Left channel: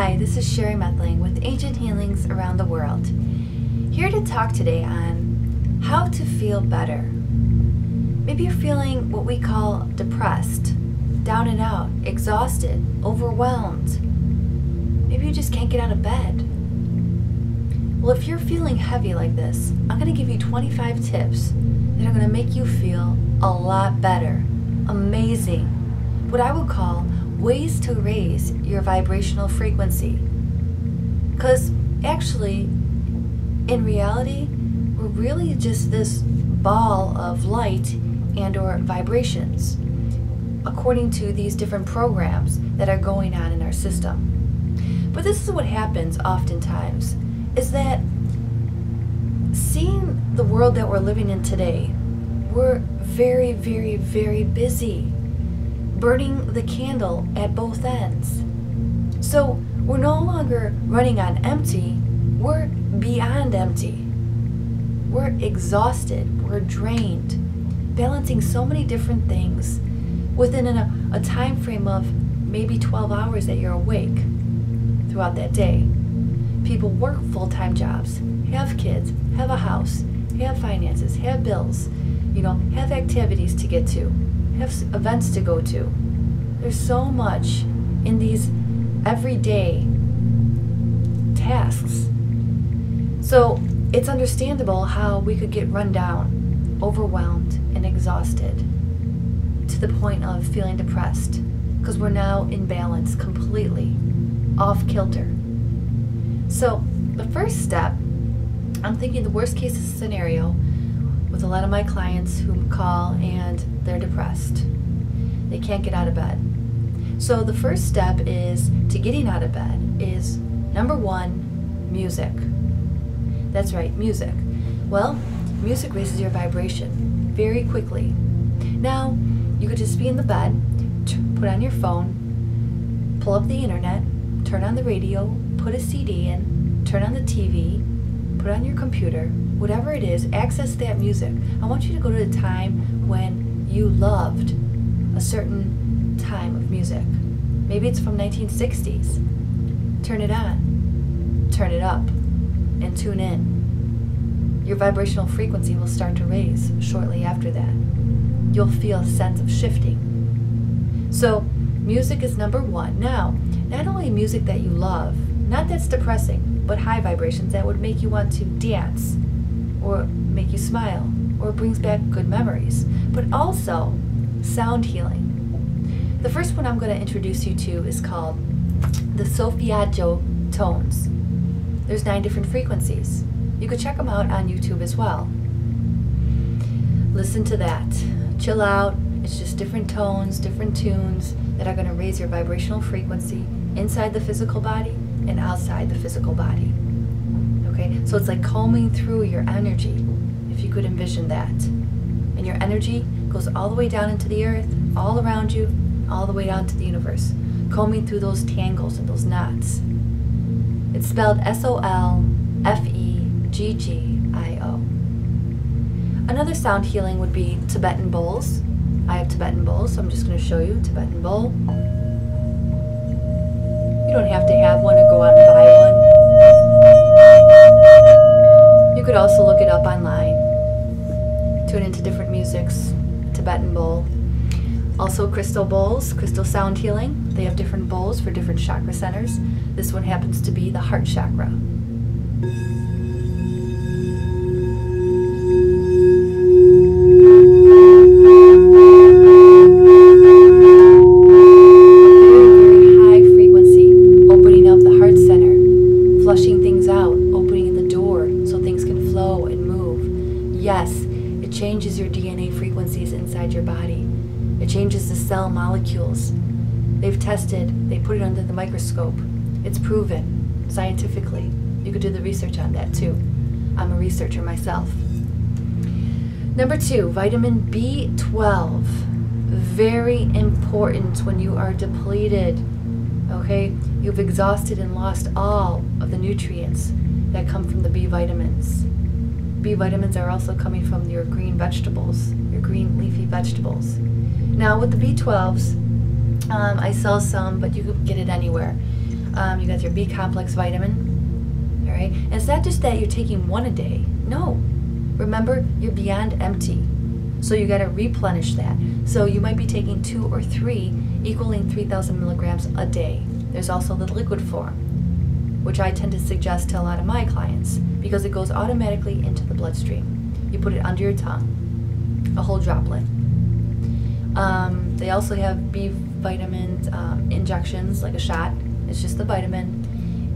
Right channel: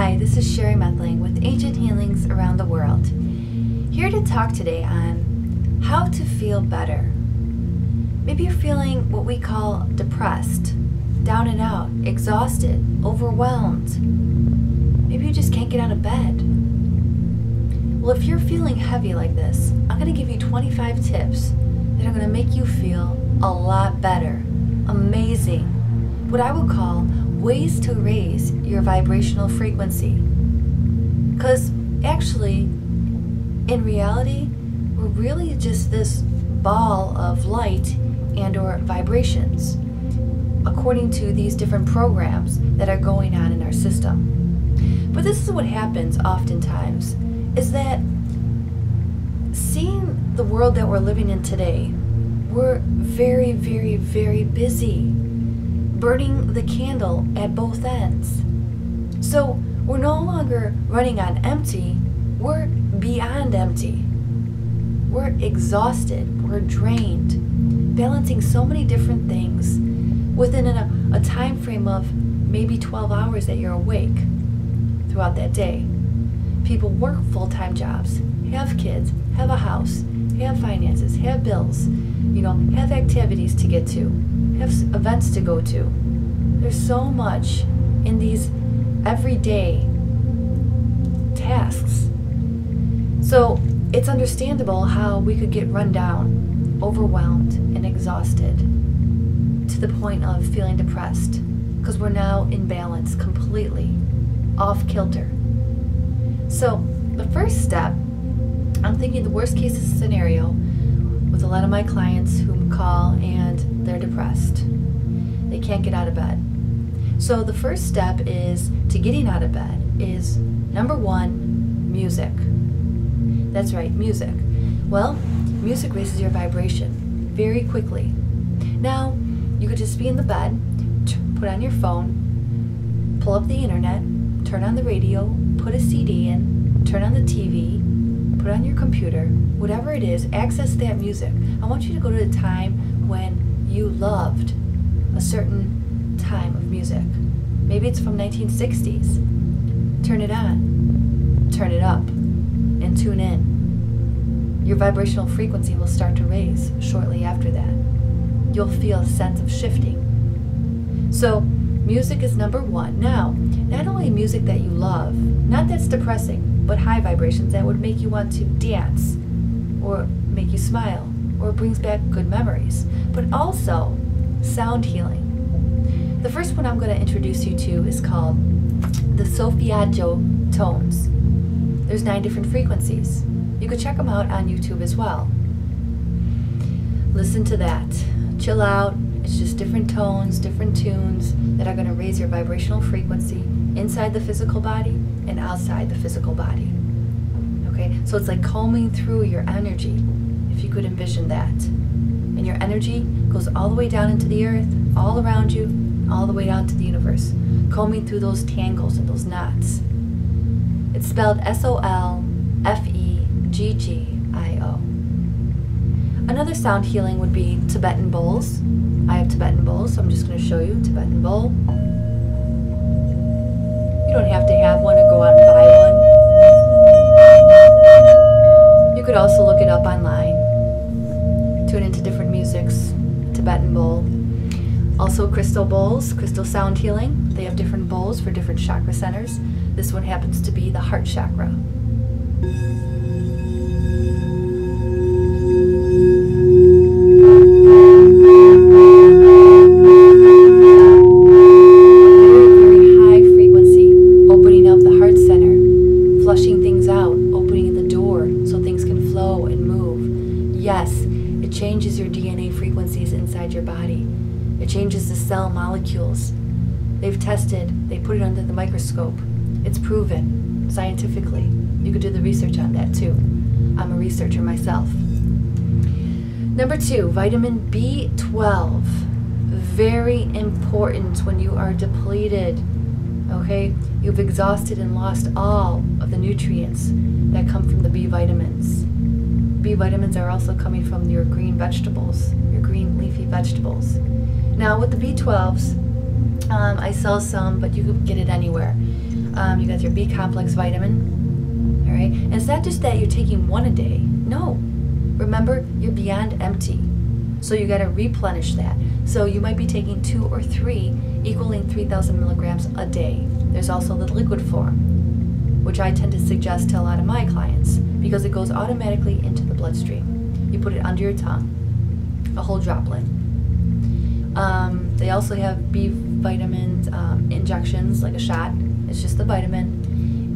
Hi, this is Sherry Methling with Ancient Healings Around the World. Here to talk today on how to feel better. Maybe you're feeling what we call depressed, down and out, exhausted, overwhelmed. Maybe you just can't get out of bed. Well, if you're feeling heavy like this, I'm going to give you 25 tips that are going to make you feel a lot better, amazing, what I would call ways to raise your vibrational frequency. Because actually, in reality, we're really just this ball of light and or vibrations, according to these different programs that are going on in our system. But this is what happens oftentimes, is that seeing the world that we're living in today, we're very, very, very busy, burning the candle at both ends. So we're no longer running on empty, we're beyond empty. We're exhausted, we're drained, balancing so many different things within a time frame of maybe 12 hours that you're awake throughout that day. People work full-time jobs, have kids, have a house, have finances, have bills, have activities to get to, have events to go to. There's so much in these everyday tasks. So it's understandable how we could get run down, overwhelmed, and exhausted to the point of feeling depressed because we're now in balance, completely off kilter. So the first step, I'm thinking the worst case scenario with a lot of my clients who call and they're depressed. They can't get out of bed. So the first step is to getting out of bed is number one, music. That's right, music. Well, music raises your vibration very quickly. Now, you could just be in the bed, put on your phone, pull up the internet, turn on the radio, put a CD in, turn on the TV, put on your computer, whatever it is, access that music. I want you to go to a time when you loved a certain time of music. Maybe it's from 1960s. Turn it on, turn it up, and tune in. Your vibrational frequency will start to raise shortly after that. You'll feel a sense of shifting. So music is number one. Now, not only music that you love, not that's depressing, but high vibrations that would make you want to dance or make you smile or brings back good memories, but also sound healing. The first one I'm going to introduce you to is called the Sophie tones. There's 9 different frequencies. You could check them out on YouTube as well. Listen to that. Chill out. It's just different tones, different tunes that are going to raise your vibrational frequency inside the physical body and outside the physical body. Okay, so it's like combing through your energy, if you could envision that. And your energy goes all the way down into the earth, all around you, all the way down to the universe, combing through those tangles and those knots. It's spelled SOLFEGGIO. Another sound healing would be Tibetan Bowls. I have Tibetan Bowls, so I'm just going to show you Tibetan Bowl. You don't have to have one or go out and buy one. You could also look it up online. Tune into different musics, Tibetan bowl. Also crystal bowls, crystal sound healing. They have different bowls for different chakra centers. This one happens to be the heart chakra. Changes your DNA frequencies inside your body. It changes the cell molecules. They've tested, they put it under the microscope. It's proven scientifically. You could do the research on that too. I'm a researcher myself. Number 2, vitamin B12. Very important when you are depleted. Okay? You've exhausted and lost all of the nutrients that come from the B vitamins. B vitamins are also coming from your green vegetables, your green leafy vegetables. Now with the B12s, I sell some, but you can get it anywhere. You got your B complex vitamin. All right, and it's not just that you're taking one a day. No, remember, you're beyond empty. So you got to replenish that. So you might be taking 2 or 3, equaling 3,000 milligrams a day. There's also the liquid form, which I tend to suggest to a lot of my clients because it goes automatically into the bloodstream. You put it under your tongue, a whole droplet. They also have B vitamins injections, like a shot. It's just the vitamin.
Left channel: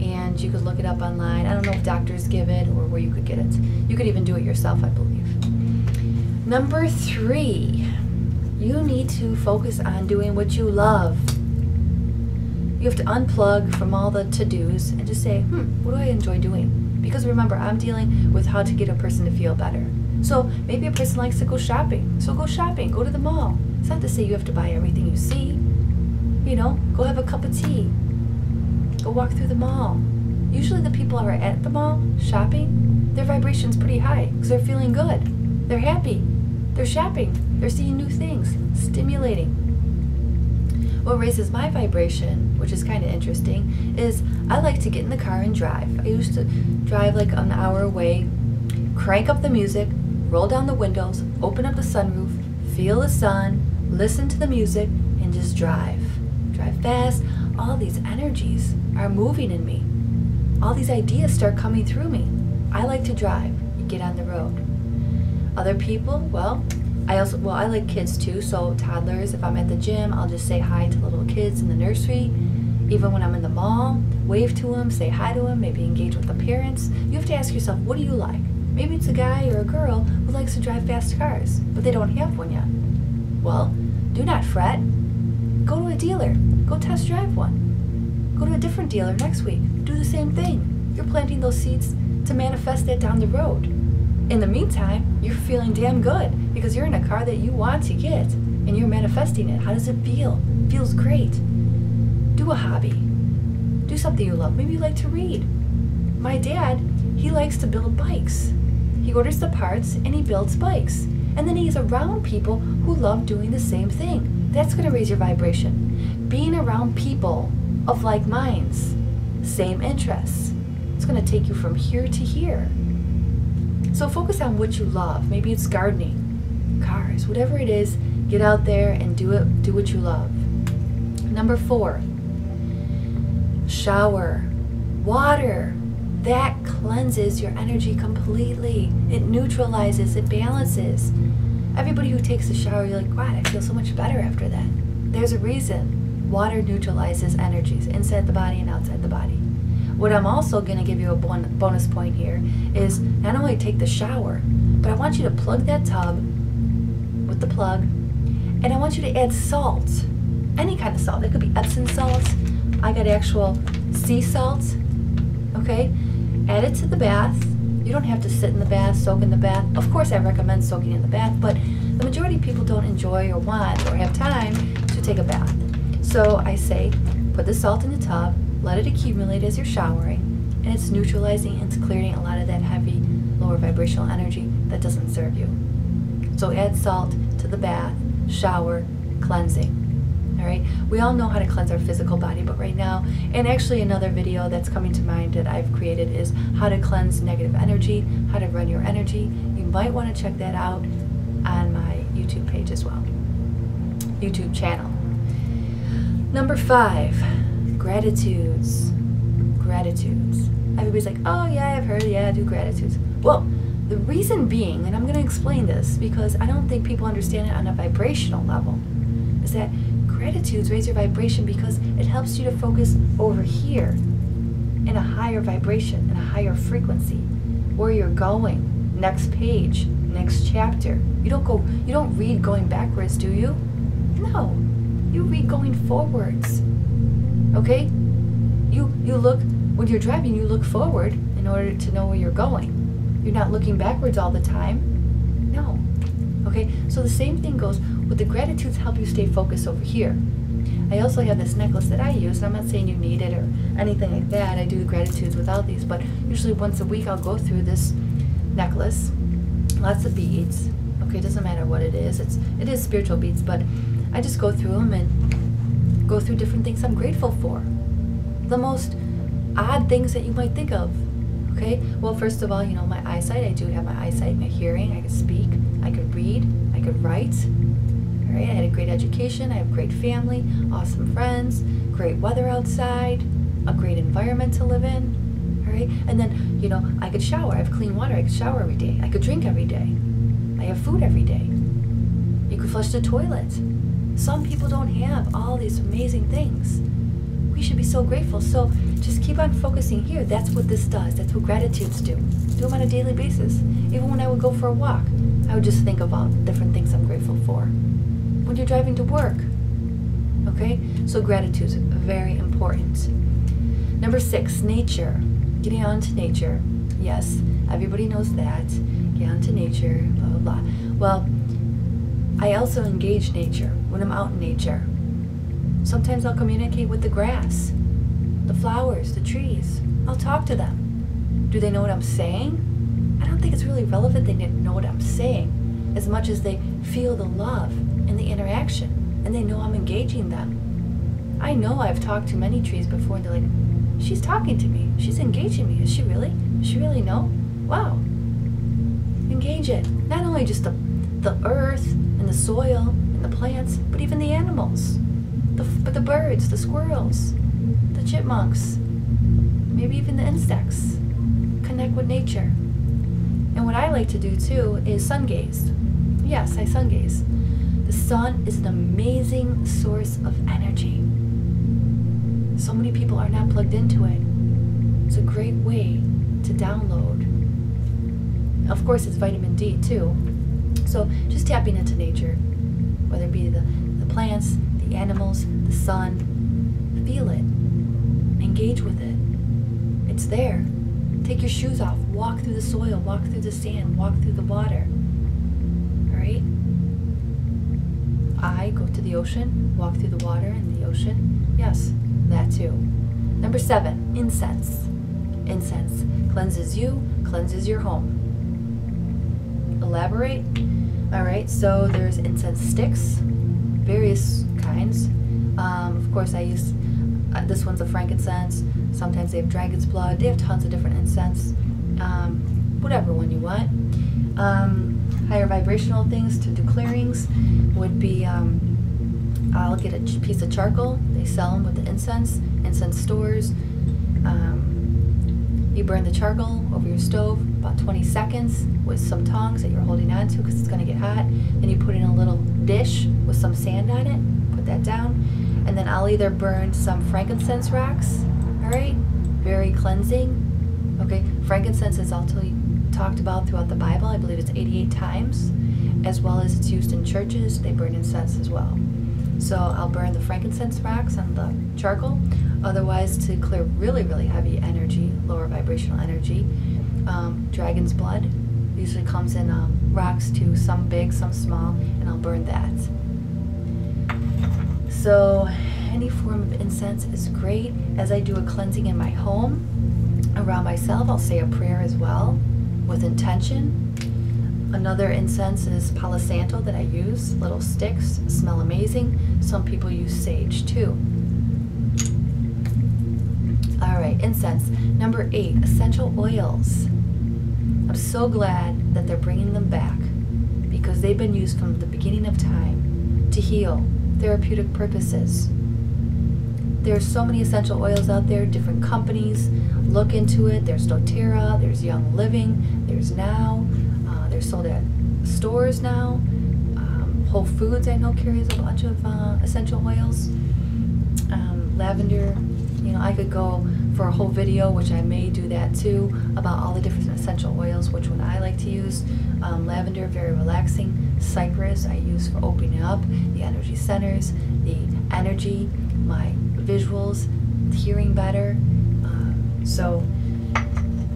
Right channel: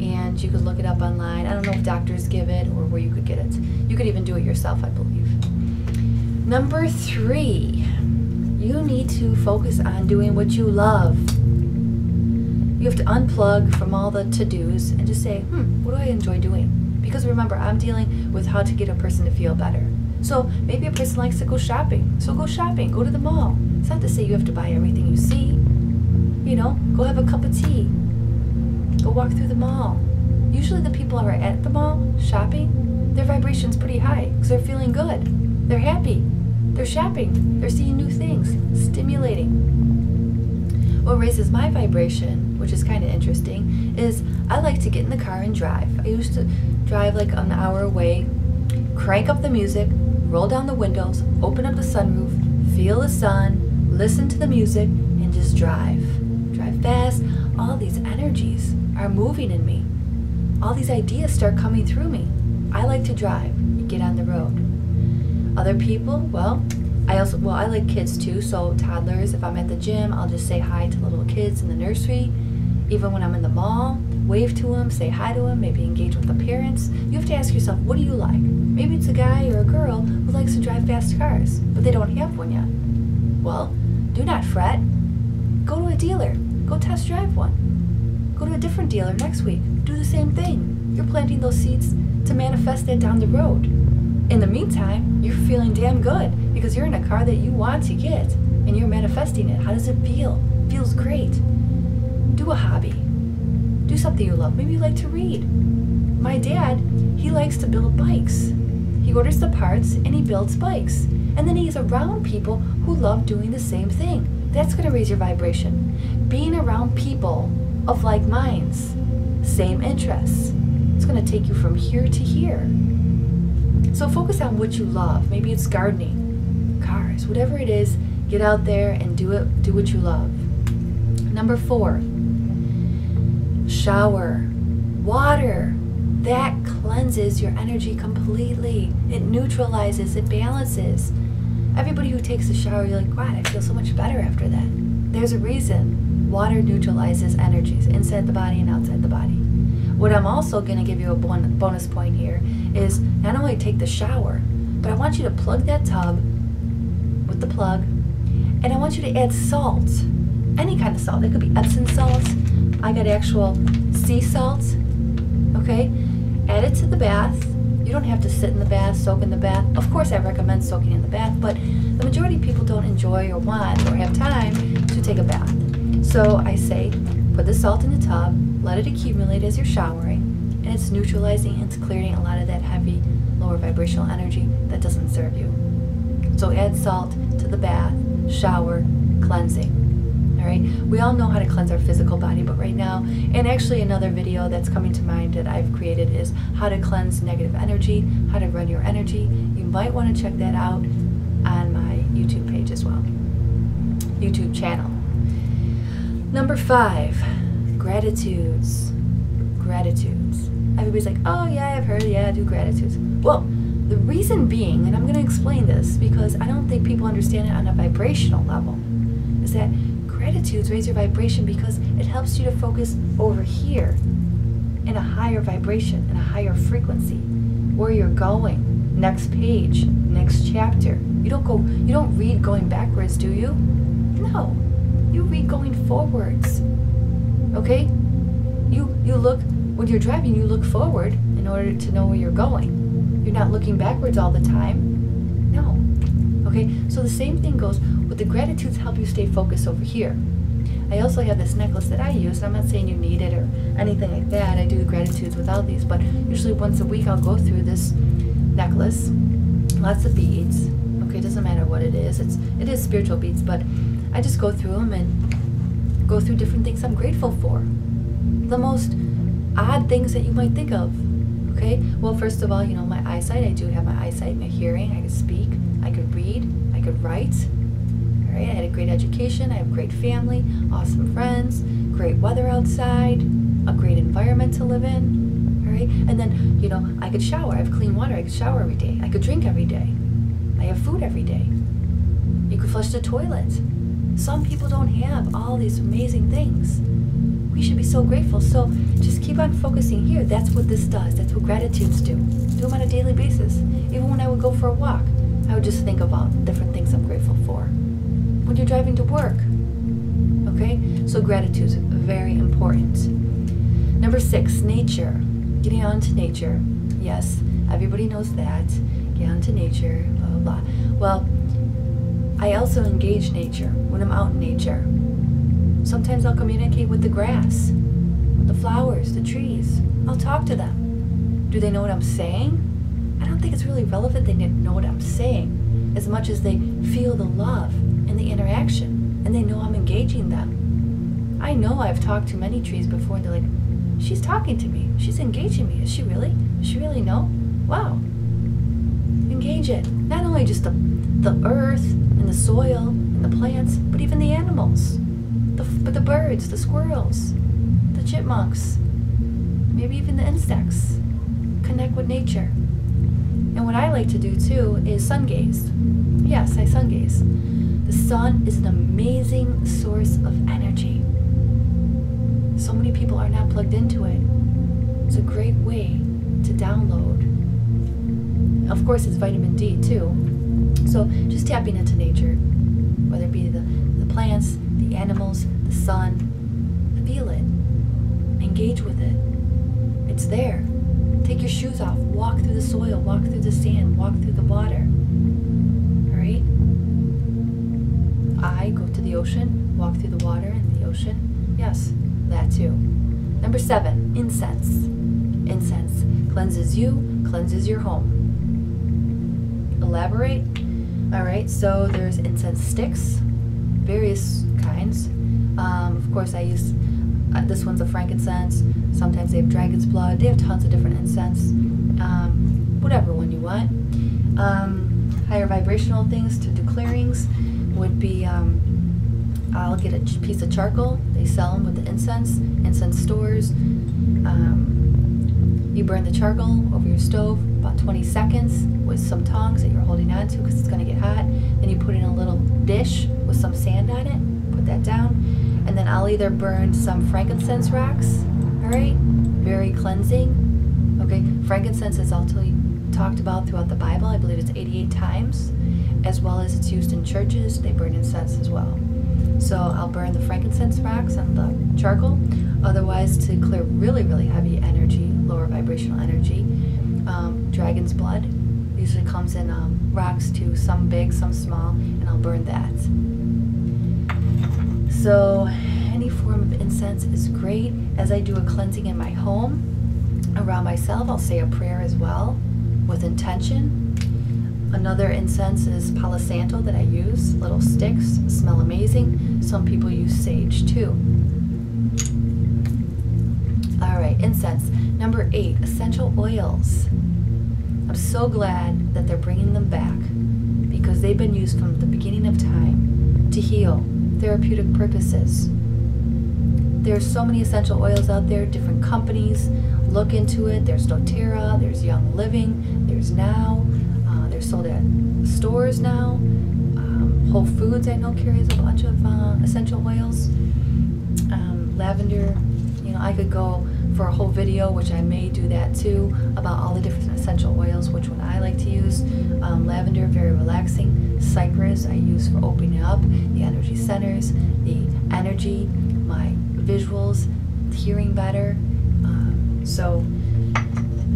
And you could look it up online. I don't know if doctors give it or where you could get it. You could even do it yourself, I believe. Number 3, you need to focus on doing what you love. You have to unplug from all the to-dos and just say, what do I enjoy doing? Because remember, I'm dealing with how to get a person to feel better. So maybe a person likes to go shopping. So go shopping, go to the mall. It's not to say you have to buy everything you see. You know, go have a cup of tea. Go walk through the mall. Usually the people who are at the mall shopping, their vibration's pretty high because they're feeling good. They're happy. They're shopping. They're seeing new things. Stimulating. What raises my vibration, which is kind of interesting, is I like to get in the car and drive. I used to drive like an hour away, crank up the music, roll down the windows, open up the sunroof, feel the sun, listen to the music, and just drive. Drive fast. All these energies are moving in me. All these ideas start coming through me. I like to drive, get on the road. Other people, well, I like kids too, so toddlers, if I'm at the gym, I'll just say hi to little kids in the nursery. Even when I'm in the mall, wave to them, say hi to them, maybe engage with the parents. You have to ask yourself, what do you like? Maybe it's a guy or a girl who likes to drive fast cars, but they don't have one yet. Well, do not fret. Go to a dealer. Go test drive one. Go to a different dealer next week. Do the same thing. You're planting those seeds to manifest that down the road. In the meantime, you're feeling damn good because you're in a car that you want to get and you're manifesting it. How does it feel? It feels great. Do a hobby. Do something you love. Maybe you like to read. My dad, he likes to build bikes. He orders the parts and he builds bikes. And then he's around people who love doing the same thing. That's going to raise your vibration. Being around people of like minds, same interests. It's going to take you from here to here. So focus on what you love. Maybe it's gardening, cars, whatever it is, get out there and do it. Do what you love. Number 4, shower. Water. That cleanses your energy completely. It neutralizes, it balances. Everybody who takes a shower, you're like, wow, I feel so much better after that. There's a reason. Water neutralizes energies inside the body and outside the body. What I'm also going to give you a bonus point here is not only take the shower, but I want you to plug that tub with the plug, and I want you to add salt, any kind of salt. It could be Epsom salt. I got actual sea salt, okay? Add it to the bath. You don't have to sit in the bath, soak in the bath. Of course, I recommend soaking in the bath, but the majority of people don't enjoy or want or have time to take a bath. So I say, put the salt in the tub, let it accumulate as you're showering, and it's neutralizing and it's clearing a lot of that heavy, lower vibrational energy that doesn't serve you. So add salt to the bath, shower, cleansing. All right, we all know how to cleanse our physical body, but right now, and actually another video that's coming to mind that I've created is how to cleanse negative energy, how to run your energy. You might want to check that out on my YouTube page as well, YouTube channel. Number 5, gratitudes. Gratitudes. Everybody's like, oh yeah, I've heard, yeah, do gratitudes. Well, the reason being, and I'm going to explain this because I don't think people understand it on a vibrational level, is that gratitudes raise your vibration because it helps you to focus over here in a higher vibration, in a higher frequency, where you're going, next page, next chapter. You don't read going backwards, do you? No, you read going forwards. Okay? You look, when you're driving, you look forward in order to know where you're going. You're not looking backwards all the time. No. Okay, so the same thing goes with the gratitudes help you stay focused over here. I also have this necklace that I use. I'm not saying you need it or anything like that. I do the gratitudes without these, but usually once a week I'll go through this necklace. Lots of beads. Okay, it doesn't matter what it is. It is spiritual beads, but I just go through them and go through different things I'm grateful for. the most odd things that you might think of. Okay, well, first of all, my eyesight. I do have my eyesight, my hearing. I could speak, I could read, I could write. All right, I had a great education. I have a great family, awesome friends, great weather outside, a great environment to live in. All right, and then, I could shower. I have clean water. I could shower every day. I could drink every day. I have food every day. You could flush the toilet. Some people don't have all these amazing things. We should be so grateful. So just keep on focusing here. That's what this does. That's what gratitudes do. Do them on a daily basis. Even when I would go for a walk, I would just think about different things I'm grateful for. When you're driving to work, okay? So gratitude is very important. Number 6, nature. Getting out into nature. Yes, everybody knows that. Get out into nature, blah, blah, blah. Well, I also engage nature when I'm out in nature. Sometimes I'll communicate with the grass, the flowers, the trees. I'll talk to them. Do they know what I'm saying? I don't think it's really relevant they know what I'm saying as much as they feel the love and the interaction, and they know I'm engaging them. I know I've talked to many trees before, and they're like, she's talking to me. She's engaging me. Is she really? Does she really know? Wow. Engage it. Not only just the earth and the soil and the plants, but even the animals. But the birds, the squirrels, the chipmunks, maybe even the insects. Connect with nature. And what I like to do too is sun gaze. Yes, I sun gaze. The sun is an amazing source of energy. So many people are not plugged into it. It's a great way to download. Of course, it's vitamin D too. So just tapping into nature, whether it be the plants, the animals, the sun, feel it. Engage with it. It's there. Take your shoes off. Walk through the soil. Walk through the sand. Walk through the water. All right? I go to the ocean. Walk through the water and the ocean. Yes, that too. Number 7, incense. Incense cleanses you, cleanses your home. Elaborate. All right, so there's incense sticks, various kinds. Of course, I use, this one's a frankincense. Sometimes they have dragon's blood. They have tons of different incense. Whatever one you want. Higher vibrational things to do clearings would be, I'll get a piece of charcoal. They sell them with the incense stores. You burn the charcoal over your stove about 20 seconds with some tongs that you're holding on to because it's going to get hot. Then you put in a little dish with some sand on it, put that down, and then I'll either burn some frankincense rocks, all right, very cleansing. Okay, frankincense is also talked about throughout the Bible. I believe it's 88 times, as well as it's used in churches. They burn incense as well. So I'll burn the frankincense rocks on the charcoal. Otherwise, to clear really, really heavy energy, lower vibrational energy, dragon's blood usually comes in rocks too, some big, some small, and I'll burn that. So any form of incense is great. As I do a cleansing in my home, around myself, I'll say a prayer as well with intention. Another incense is Palo Santo that I use, little sticks, smell amazing. Some people use sage too. All right, incense. Number 8, essential oils. I'm so glad that they're bringing them back because they've been used from the beginning of time to heal, therapeutic purposes. There's so many essential oils out there, different companies. Look into it. There's doTERRA, there's Young Living, there's Now. They're sold at stores now. Whole Foods, I know, carries a bunch of essential oils. Lavender, I could go for a whole video, which I may do that too, about all the different essential oils, which one I like to use. Lavender, very relaxing. Cypress, I use for opening up the energy centers, the energy, my visuals, hearing better.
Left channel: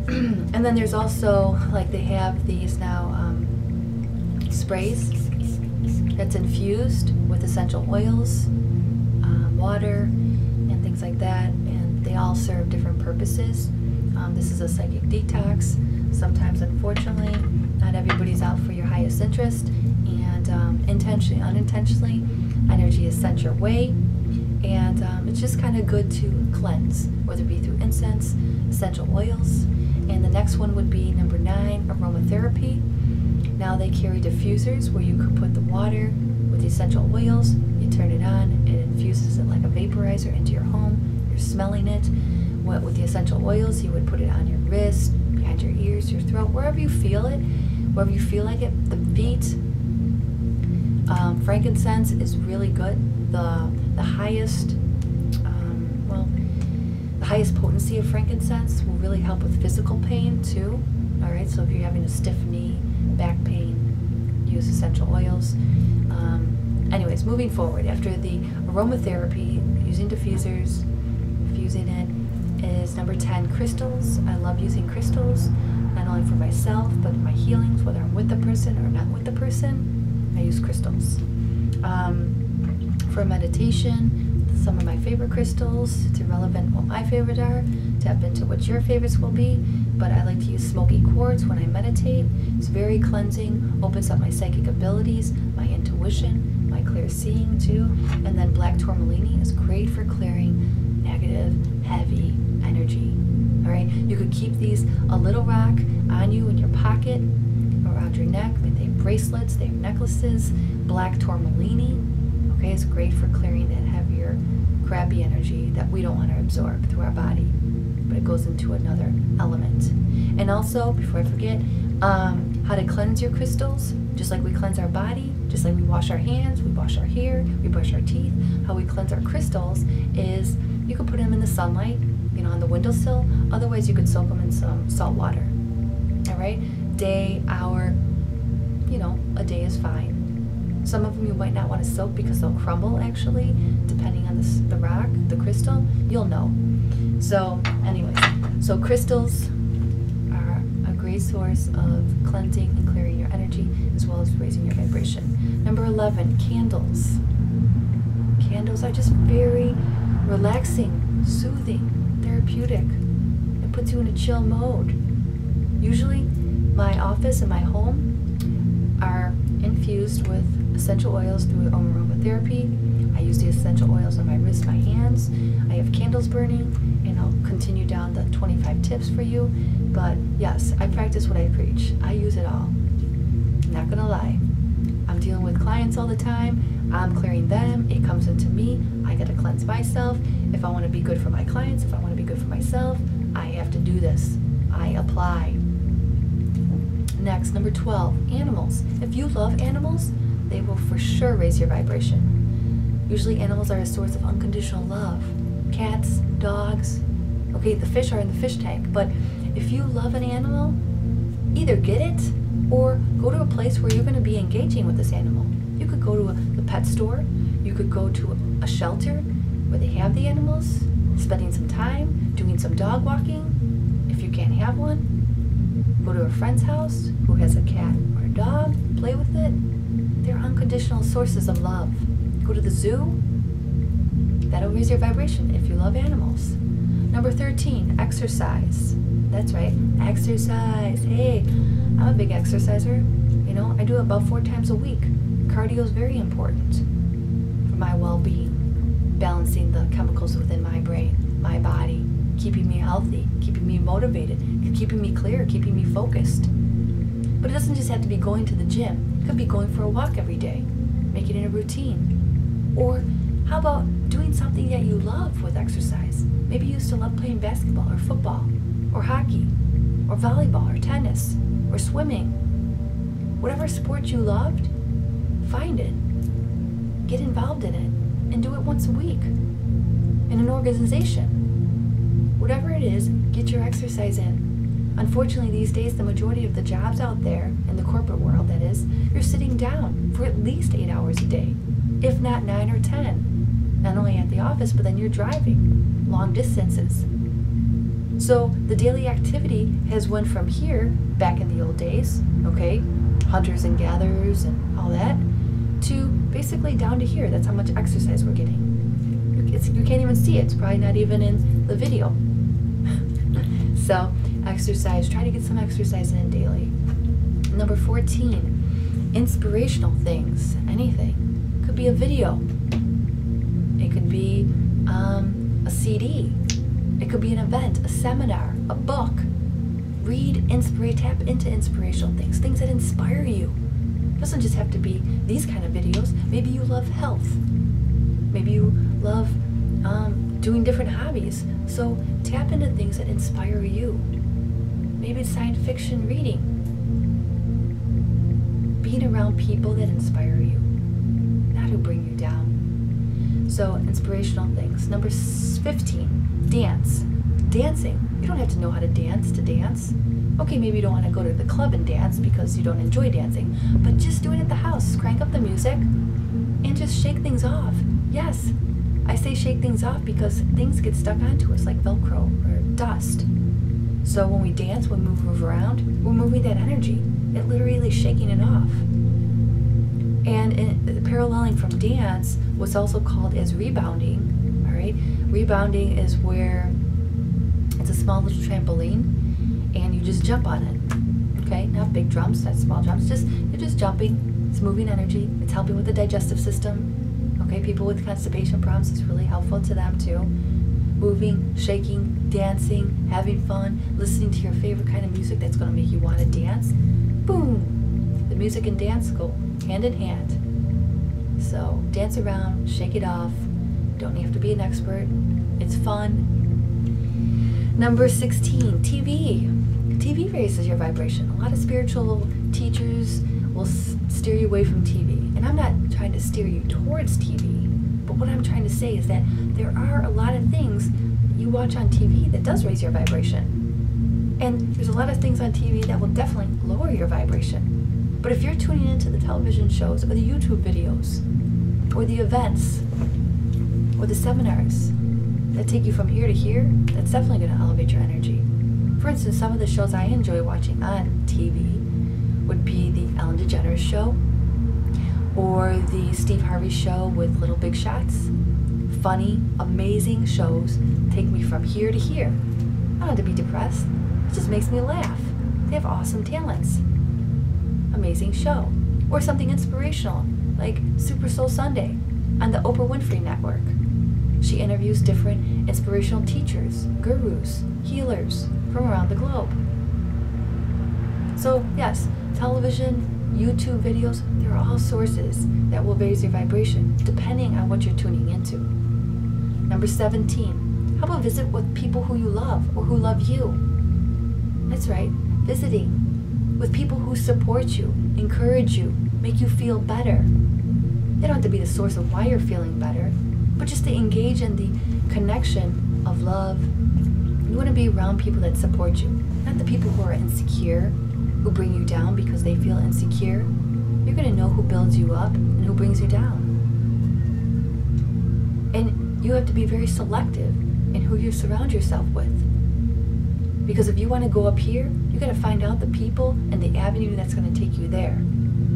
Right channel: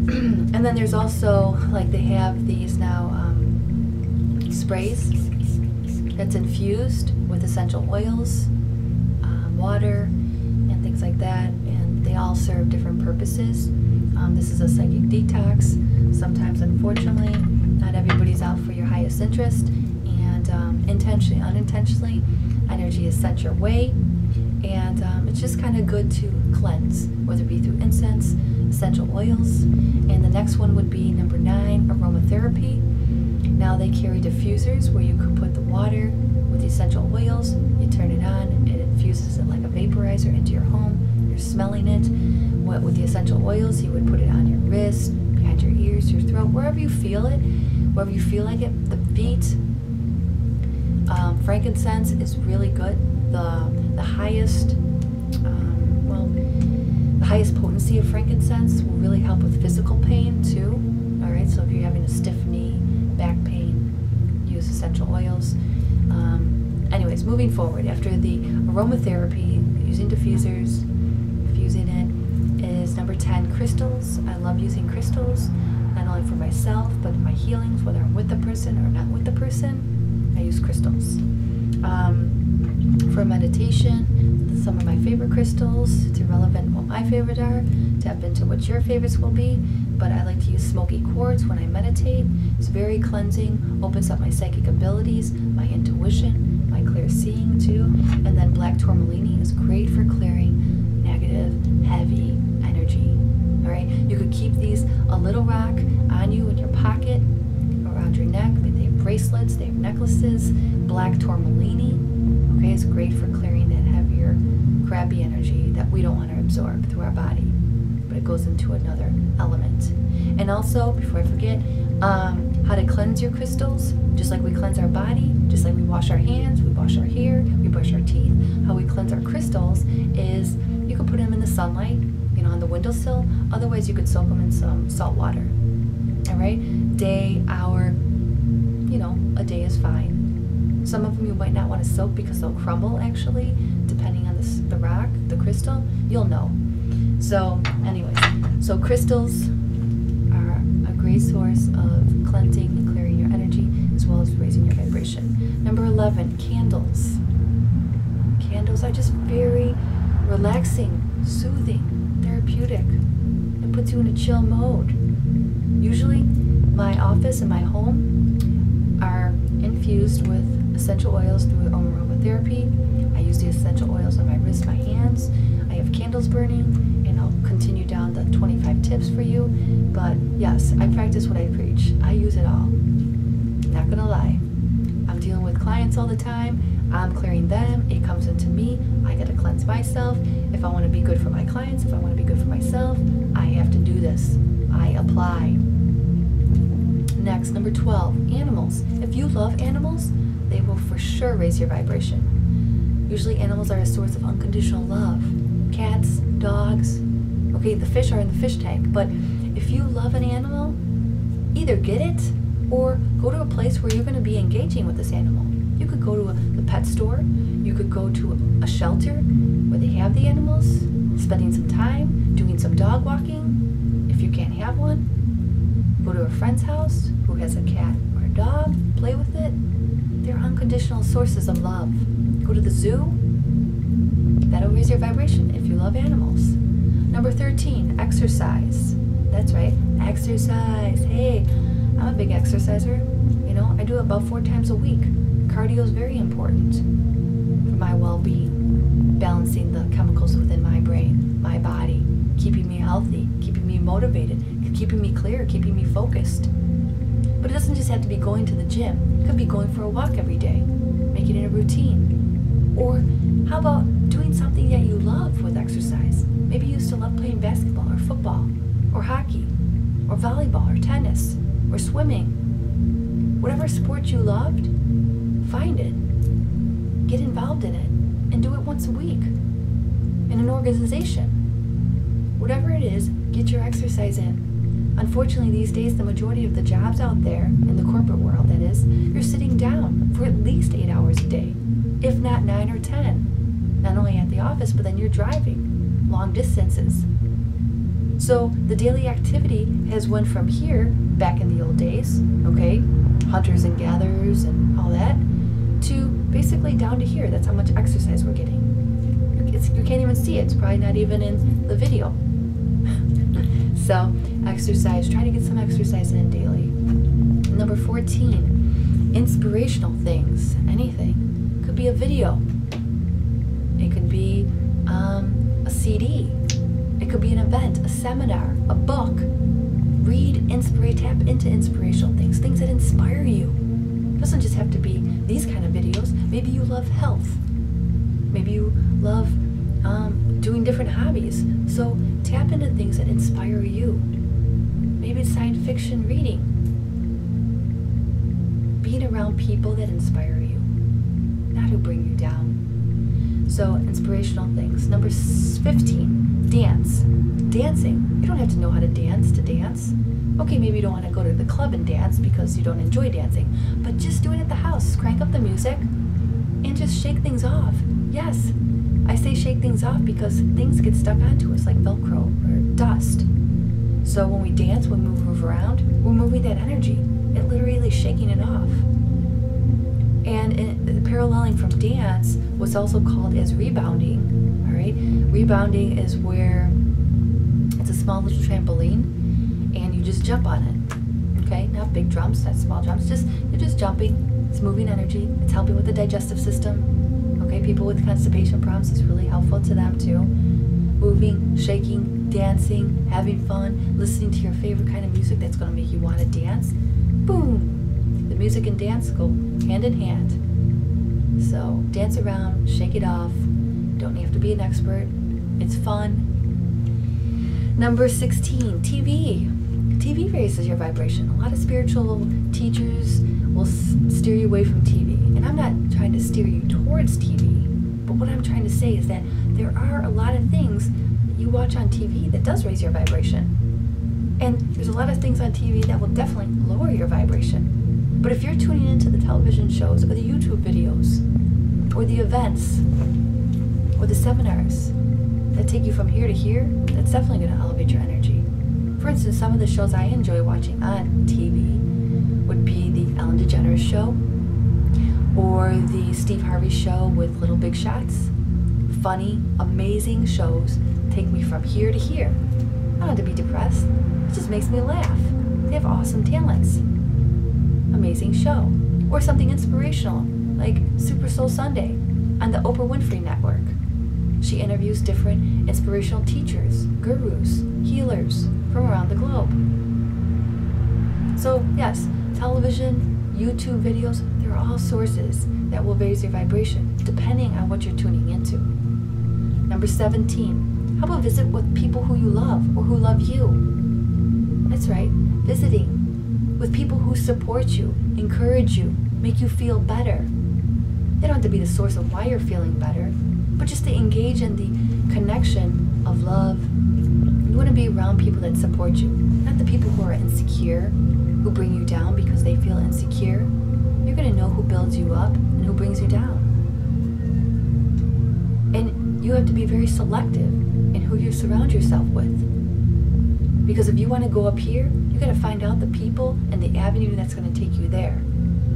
And then there's also, like they have these now, sprays that's infused with essential oils, water, and things like that, and they all serve different purposes. This is a psychic detox. Sometimes, unfortunately, not everybody's out for your highest interest, and intentionally, unintentionally, energy is sent your way, And it's just kind of good to cleanse, whether it be through incense, essential oils. And the next one would be number 9, aromatherapy. Now they carry diffusers where you could put the water with the essential oils, you turn it on, it infuses it like a vaporizer into your home, you're smelling it. With the essential oils, you would put it on your wrist, behind your ears, your throat, wherever you feel it, wherever you feel like it, the feet. Frankincense is really good. The highest the highest potency of frankincense will really help with physical pain too. All right, so if you're having a stiff knee, back pain, use essential oils. Anyways, moving forward, after the aromatherapy, using diffusers, infusing it, is number 10, crystals. I love using crystals, not only for myself, but in my healings, whether I'm with the person or not with the person, I use crystals. For meditation, some of my favorite crystals, it's irrelevant what my favorites are, tap into what your favorites will be, but I like to use smoky quartz when I meditate. It's very cleansing, opens up my psychic abilities, my intuition, my clear seeing too. And then black tourmaline is great for clearing negative, heavy energy. All right, you could keep these, a little rock on you in your pocket, around your neck. They have bracelets, they have necklaces. Black tourmaline, okay, is great for clearing that heavier, crappy energy that we don't want to absorb through our body, but it goes into another element. And also, before I forget, how to cleanse your crystals, just like we cleanse our body, just like we wash our hands, we wash our hair, we brush our teeth. How we cleanse our crystals is you could put them in the sunlight, on the windowsill. Otherwise, you could soak them in some salt water. All right, day, hour, a day is fine. Some of them you might not want to soak because they'll crumble, actually, depending on the rock, the crystal. You'll know. So, anyways, so crystals are a great source of cleansing and clearing your energy, as well as raising your vibration. Number 11, candles. Candles are just very relaxing, soothing, therapeutic. It puts you in a chill mode. Usually, my office and my home are infused with essential oils through aromatherapy. I use the essential oils on my wrists, my hands. I have candles burning, and I'll continue down the 25 tips for you. But yes, I practice what I preach. I use it all. Not gonna lie. I'm dealing with clients all the time. I'm clearing them. It comes into me. I gotta cleanse myself. If I want to be good for my clients, if I want to be good for myself, I have to do this. I apply. Next, number 12, animals. If you love animals, they will for sure raise your vibration. Usually animals are a source of unconditional love. Cats, dogs, okay, the fish are in the fish tank, but if you love an animal, either get it or go to a place where you're going to be engaging with this animal. You could go to the pet store, you could go to a shelter where they have the animals, spending some time, doing some dog walking. If you can't have one, go to a friend's house who has a cat or a dog, play with it. They're unconditional sources of love. Go to the zoo. That'll raise your vibration if you love animals. Number 13, exercise. That's right, exercise. Hey, I'm a big exerciser. I do it about 4 times a week. Cardio is very important for my well-being, balancing the chemicals within my brain, my body, keeping me healthy, keeping me motivated, keeping me clear, keeping me focused. But it doesn't just have to be going to the gym. It could be going for a walk every day, making it a routine. Or how about doing something that you love with exercise? Maybe you used to love playing basketball or football or hockey or volleyball or tennis or swimming. Whatever sport you loved, find it, get involved in it, and do it once a week in an organization. Whatever it is, get your exercise in. Unfortunately, these days, the majority of the jobs out there, in the corporate world that is, you're sitting down for at least 8 hours a day, if not 9 or 10. Not only at the office, but then you're driving long distances. So the daily activity has went from here, back in the old days, okay, hunters and gatherers and all that, to basically down to here. That's how much exercise we're getting. You can't even see it. It's probably not even in the video. So exercise, try to get some exercise in daily. Number 14, inspirational things, anything. Could be a video. It could be a CD. It could be an event, a seminar, a book. Read, tap into inspirational things that inspire you. It doesn't just have to be these kind of videos. Maybe you love health. Maybe you love doing different hobbies. So tap into things that inspire you. Maybe it's science fiction reading. Being around people that inspire you, not who bring you down. So inspirational things. Number 15, dance. Dancing. You don't have to know how to dance. Okay, maybe you don't want to go to the club and dance because you don't enjoy dancing, but just do it at the house. Crank up the music and just shake things off. Yes, I say shake things off because things get stuck onto us like Velcro or dust. So when we dance, when we move around, we're moving that energy. It literally is shaking it off. And paralleling from dance, what's also called as rebounding, all right? Rebounding is where it's a small little trampoline and you just jump on it, okay? Not big jumps, not small jumps, you're just jumping. It's moving energy. It's helping with the digestive system, okay? People with constipation problems, it's really helpful to them too. Moving, shaking, dancing, having fun, listening to your favorite kind of music that's going to make you want to dance. Boom! The music and dance go hand in hand. So dance around, shake it off. Don't have to be an expert. It's fun. Number 16, TV. TV raises your vibration. A lot of spiritual teachers will steer you away from TV. And I'm not trying to steer you towards TV. But what I'm trying to say is that there are a lot of things that you watch on TV that does raise your vibration. And there's a lot of things on TV that will definitely lower your vibration. But if you're tuning into the television shows or the YouTube videos or the events or the seminars that take you from here to here, that's definitely going to elevate your energy. For instance, some of the shows I enjoy watching on TV would be the Ellen DeGeneres show or the Steve Harvey show with Little Big Shots. Funny, amazing shows take me from here to here. I don't have to be depressed. It just makes me laugh. They have awesome talents. Amazing show. Or something inspirational, like Super Soul Sunday on the Oprah Winfrey Network. She interviews different inspirational teachers, gurus, healers from around the globe. So yes, television, YouTube videos, they're all sources that will raise your vibration depending on what you're tuning into. Number 17, how about visit with people who you love or who love you? That's right, visiting with people who support you, encourage you, make you feel better. They don't have to be the source of why you're feeling better, but just to engage in the connection of love. You want to be around people that support you, not the people who are insecure, who bring you down because they feel insecure. You're going to know who builds you up and who brings you down. And you have to be very selective in who you surround yourself with. Because if you want to go up here, you got to find out the people and the avenue that's going to take you there.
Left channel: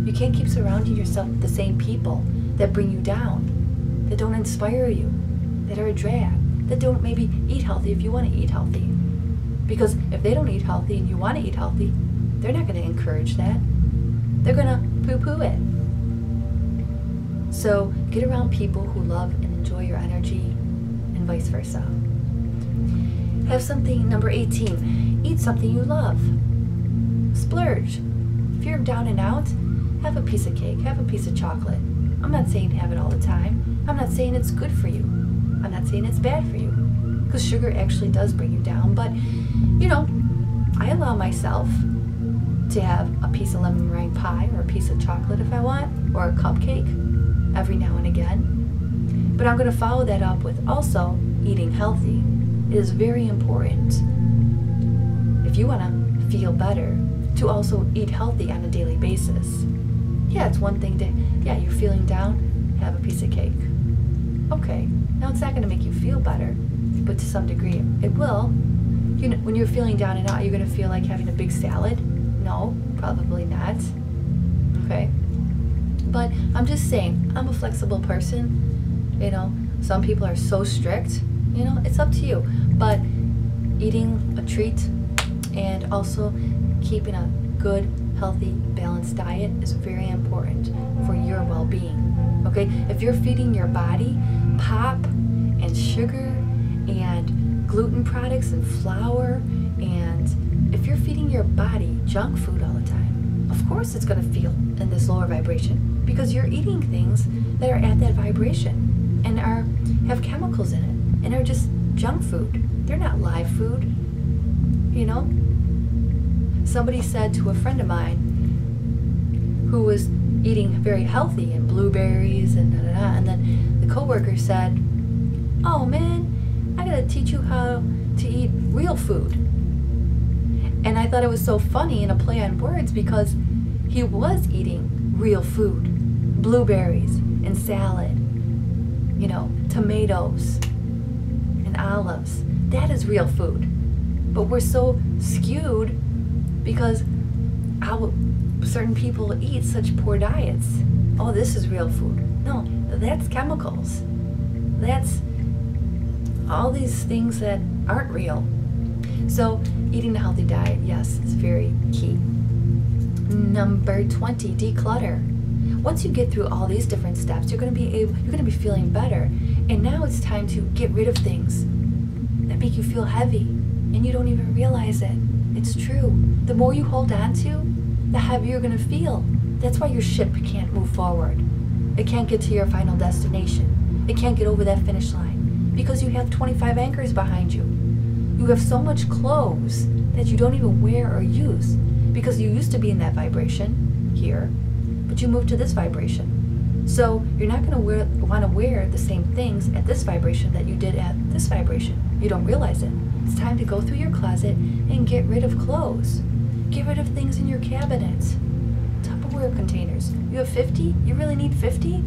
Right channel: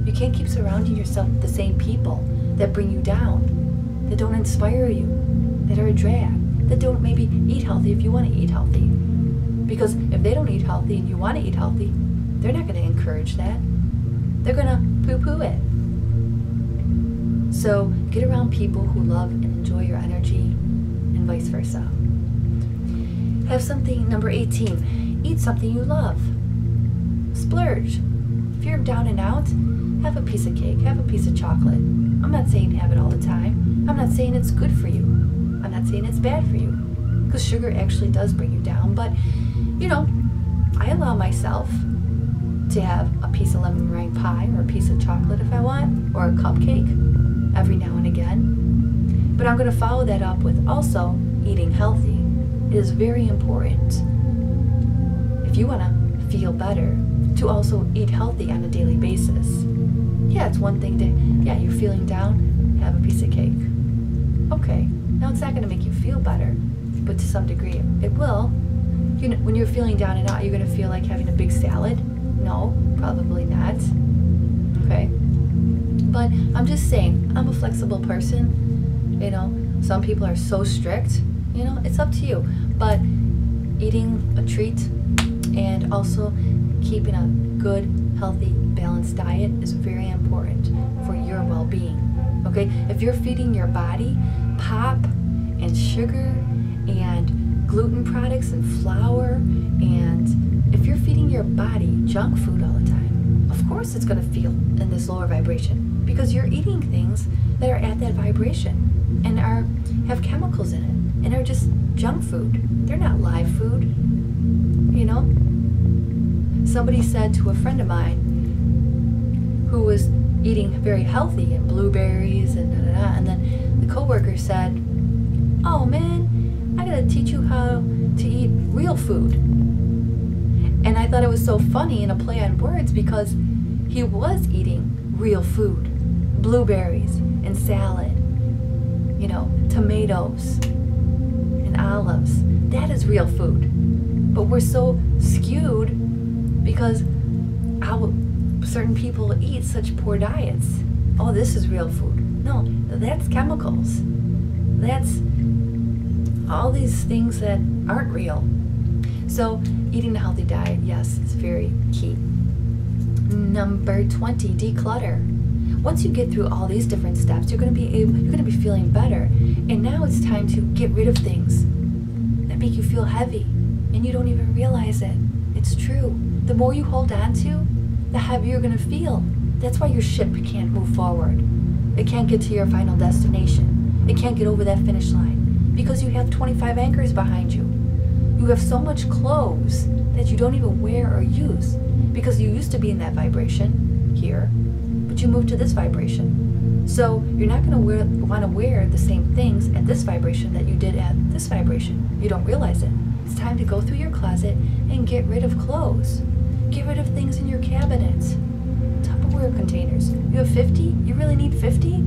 You can't keep surrounding yourself with the same people that bring you down, that don't inspire you, that are a drag, that don't maybe eat healthy if you want to eat healthy. Because if they don't eat healthy and you want to eat healthy, they're not going to encourage that. They're going to poo-poo it. So get around people who love and enjoy your energy and vice versa. Have something, number 18, eat something you love. Splurge. If you're down and out, have a piece of cake, have a piece of chocolate. I'm not saying have it all the time. I'm not saying it's good for you. I'm not saying it's bad for you. Because sugar actually does bring you down. But, you know, I allow myself to have a piece of lemon meringue pie or a piece of chocolate if I want, or a cupcake every now and again. But I'm going to follow that up with also eating healthy. It is very important, if you want to feel better, to also eat healthy on a daily basis. Yeah, it's one thing to, yeah, you're feeling down, have a piece of cake. Okay, now it's not going to make you feel better, but to some degree it will. You know, when you're feeling down and out, you're going to feel like having a big salad? No, probably not. Okay? But I'm just saying, I'm a flexible person. You know, some people are so strict. You know, it's up to you. But eating a treat and also keeping a good, healthy, balanced diet is very important for your well-being. Okay? If you're feeding your body pop and sugar and gluten products and flour. And if you're feeding your body junk food all the time, of course it's going to feel in this lower vibration, because you're eating things that are at that vibration and have chemicals in it and are just junk food. They're not live food, you know? Somebody said to a friend of mine who was eating very healthy and blueberries and da-da-da, and then the coworker said, "Oh man, I gotta teach you how to eat real food." And I thought it was so funny and a play on words, because he was eating real food, blueberries and salad, you know, tomatoes and olives. That is real food. But we're so skewed because how certain people eat such poor diets. Oh, this is real food. No, that's chemicals. That's all these things that aren't real. So eating a healthy diet, yes, is very key. Number 20, declutter. Once you get through all these different steps, you're going to be feeling better. And now it's time to get rid of things that make you feel heavy and you don't even realize it. It's true. The more you hold on to, the heavier you're going to feel. That's why your ship can't move forward. It can't get to your final destination. It can't get over that finish line because you have 25 anchors behind you. You have so much clothes that you don't even wear or use because you used to be in that vibration here, but you moved to this vibration. So you're not going to want to wear the same things at this vibration that you did at this vibration. You don't realize it. It's time to go through your closet and get rid of clothes. Get rid of things in your cabinets. Tupperware containers. You have 50? You really need 50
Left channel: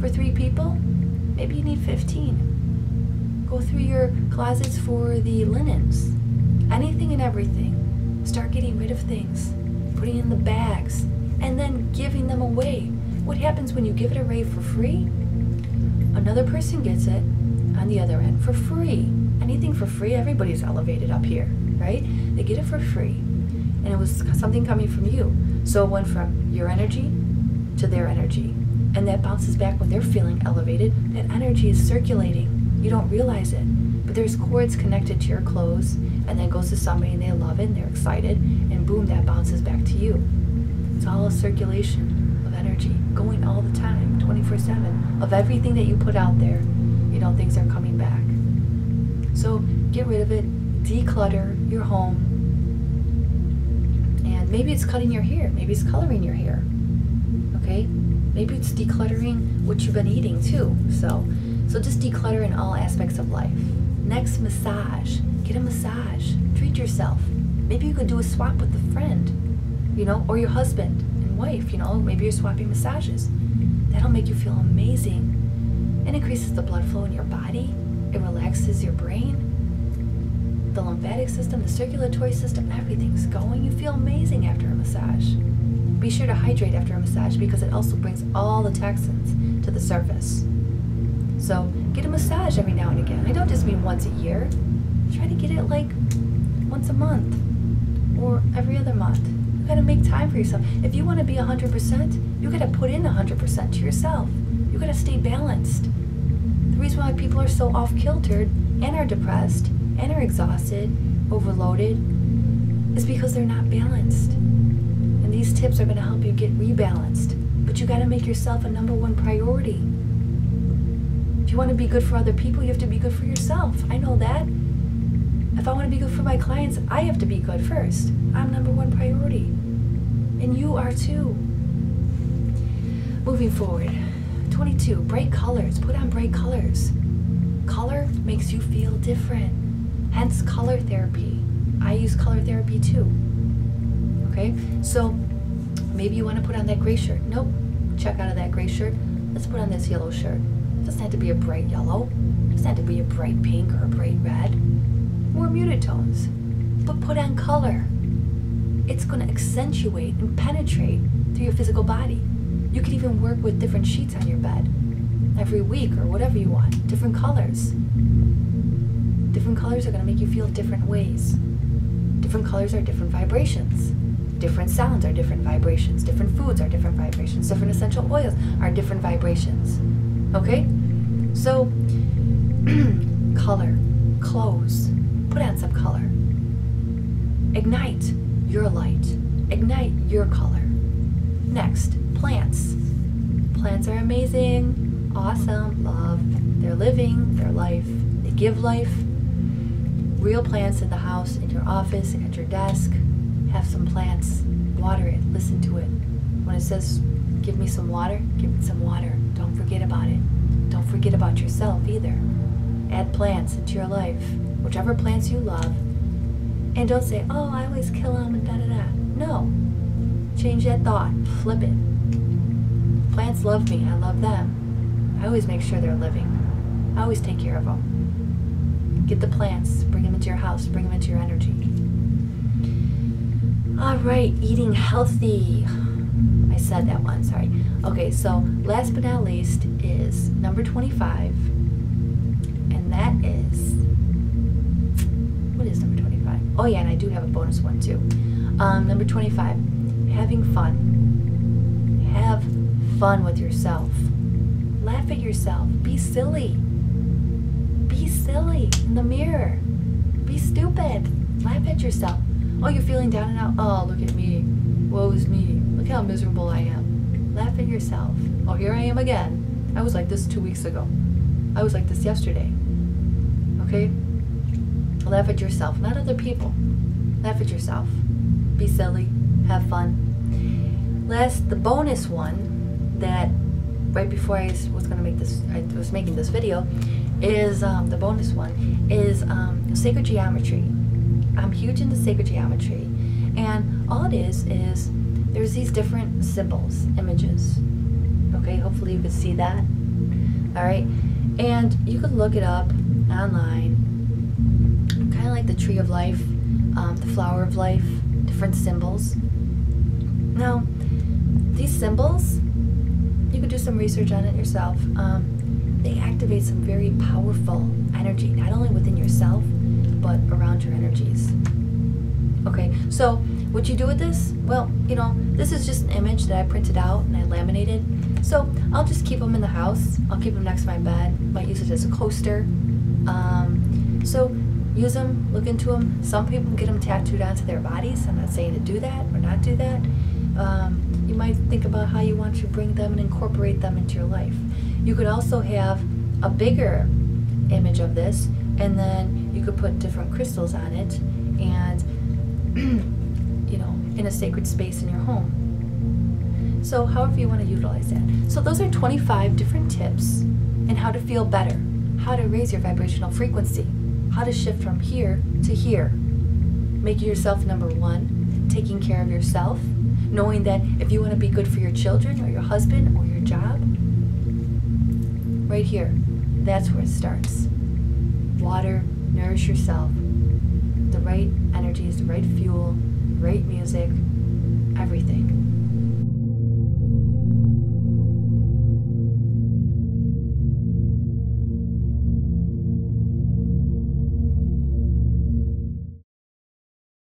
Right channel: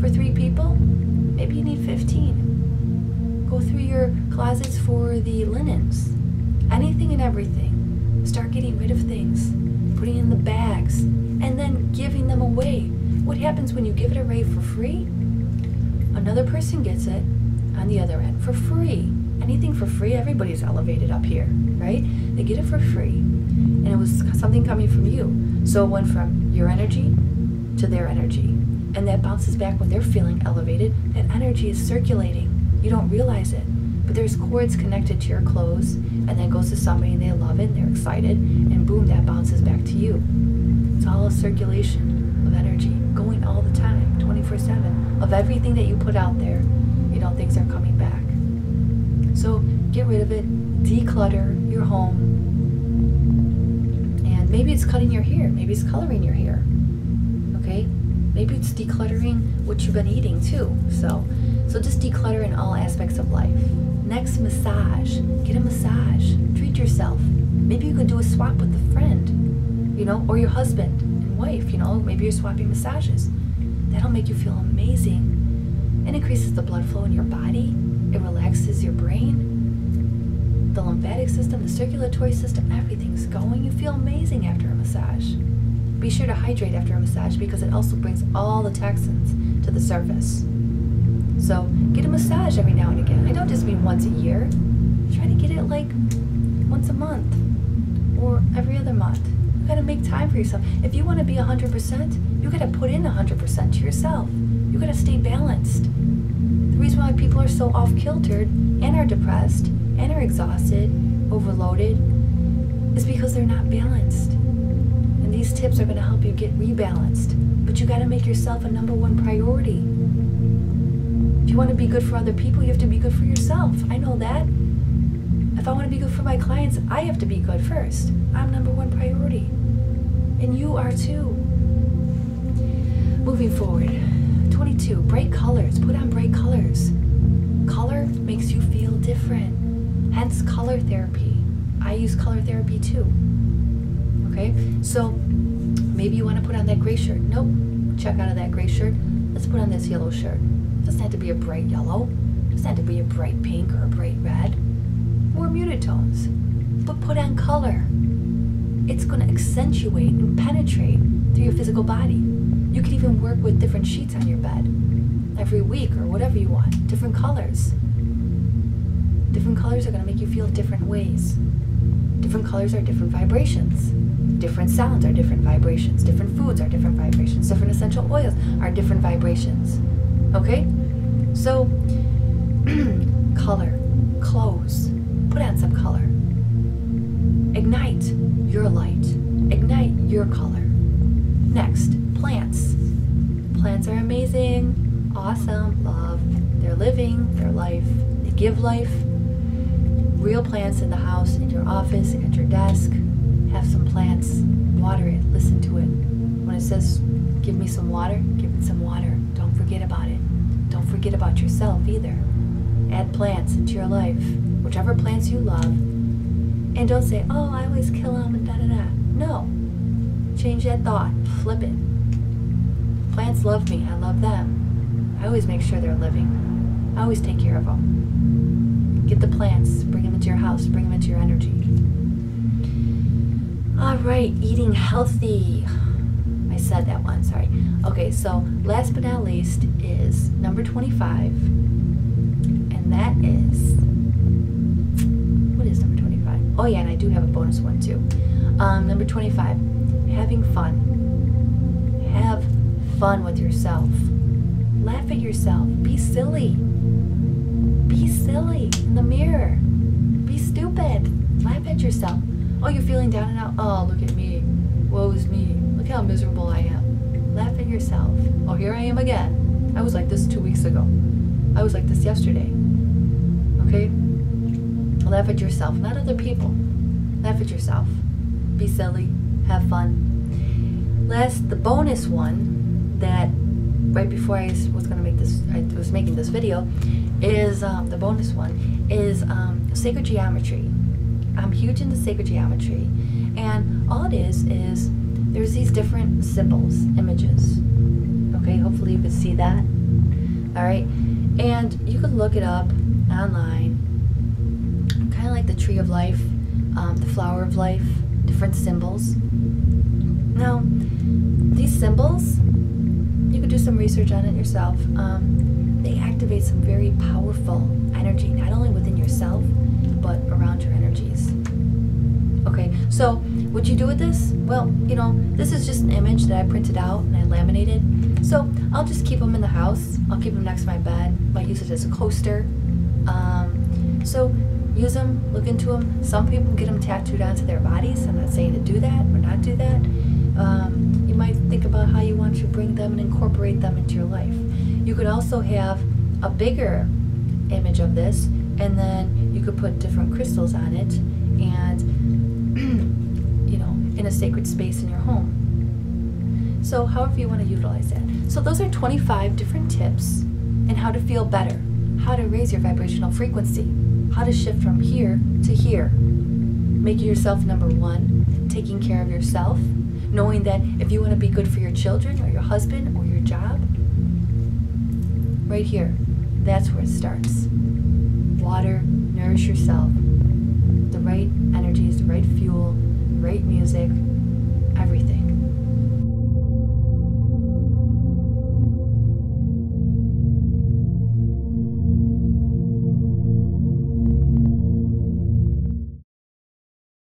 for 3 people? Maybe you need 15. Go through your closets for the linens. Anything and everything. Start getting rid of things. Putting in the bags. And then giving them away. What happens when you give it away for free? Another person gets it on the other end for free. Anything for free, everybody's elevated up here, right? They get it for free. And it was something coming from you. So it went from your energy to their energy. And that bounces back when they're feeling elevated. That energy is circulating. You don't realize it. But there's cords connected to your clothes, and then goes to somebody and they love it and they're excited, and boom, that bounces back to you. It's all a circulation of energy going all the time, 24/7, of everything that you put out there. You know, things are coming back. So get rid of it, declutter your home. And maybe it's cutting your hair, maybe it's coloring your hair. Okay? Maybe it's decluttering what you've been eating too. So just declutter in all aspects of life. Next, massage. Get a massage. Treat yourself. Maybe you could do a swap with a friend, you know, or your husband and wife, you know. Maybe you're swapping massages. That'll make you feel amazing. It increases the blood flow in your body. It relaxes your brain. The lymphatic system, the circulatory system, everything's going. You feel amazing after a massage. Be sure to hydrate after a massage because it also brings all the toxins to the surface. So get a massage every now and again. I don't just mean once a year. Try to get it like once a month or every other month. You gotta make time for yourself. If you want to be 100%, you gotta put in 100% to yourself. You gotta stay balanced. The reason why people are so off-kiltered and are depressed and are exhausted, overloaded, is because they're not balanced. And these tips are going to help you get rebalanced. But you got to make yourself a #1 priority. If you want to be good for other people, you have to be good for yourself. I know that. If I want to be good for my clients, I have to be good first. I'm #1 priority. And you are too. Moving forward. 22, bright colors. Put on bright colors. Color makes you feel different. Hence color therapy. I use color therapy too. Okay, so maybe you want to put on that gray shirt. Nope, check out of that gray shirt. Let's put on this yellow shirt. It doesn't have to be a bright yellow. It doesn't have to be a bright pink or a bright red. More muted tones. But put on color. It's going to accentuate and penetrate through your physical body. You can even work with different sheets on your bed every week or whatever you want. Different colors. Different colors are going to make you feel different ways. Different colors are different vibrations. Different sounds are different vibrations. Different foods are different vibrations. Different essential oils are different vibrations. Okay? So Color, clothes, put on some color. Ignite your light, ignite your color. Next, plants. Plants are amazing, awesome, love. They're living their life, they give life. Real plants in the house, in your office, at your desk. Have some plants, water it, listen to it. When it says, give me some water, give it some water. Don't forget about it. Don't forget about yourself either. Add plants into your life, whichever plants you love. And don't say, oh, I always kill them and da-da-da. No. Change that thought. Flip it. Plants love me. I love them. I always make sure they're living. I always take care of them. Get the plants. Bring them into your house. Bring them into your energy. All right. Eating healthy. I said that one. Sorry. Okay, so last but not least is number 25. And that is... What is number 25? Oh, yeah, and I do have a bonus one, too. Number 25. Having fun. Have fun with yourself. Laugh at yourself. Be silly. Be silly in the mirror. Be stupid. Laugh at yourself. Oh, you're feeling down and out? Oh, look at me. Woe is me. Look how miserable I am. Laugh at yourself. Oh, here I am again. I was like this 2 weeks ago. I was like this yesterday. Okay? Laugh at yourself, not other people. Laugh at yourself. Be silly. Have fun. Last, the bonus one that right before I was going to make this, I was making this video, is the bonus one is sacred geometry. I'm huge into sacred geometry, and all it is there's these different symbols, images. Okay, hopefully you can see that. All right, and you can look it up online. Kind of like the tree of life, the flower of life, different symbols. Now, these symbols, you could do some research on it yourself. They activate some very powerful energy, not only within yourself, but around your energies. Okay, so what you do with this? Well, you know, this is just an image that I printed out and I laminated. So I'll just keep them in the house. I'll keep them next to my bed. Might use it as a coaster. So use them, look into them. Some people get them tattooed onto their bodies. I'm not saying to do that or not do that. You might think about how you want to bring them and incorporate them into your life. You could also have a bigger image of this, and then you could put different crystals on it, and you know, in a sacred space in your home. So however you want to utilize that. So those are 25 different tips on how to feel better, how to raise your vibrational frequency, how to shift from here to here, making yourself number one, taking care of yourself, knowing that if you want to be good for your children or your husband or your job, right here, that's where it starts. Water, nourish yourself. The right energies, the right fuel, the right music, everything.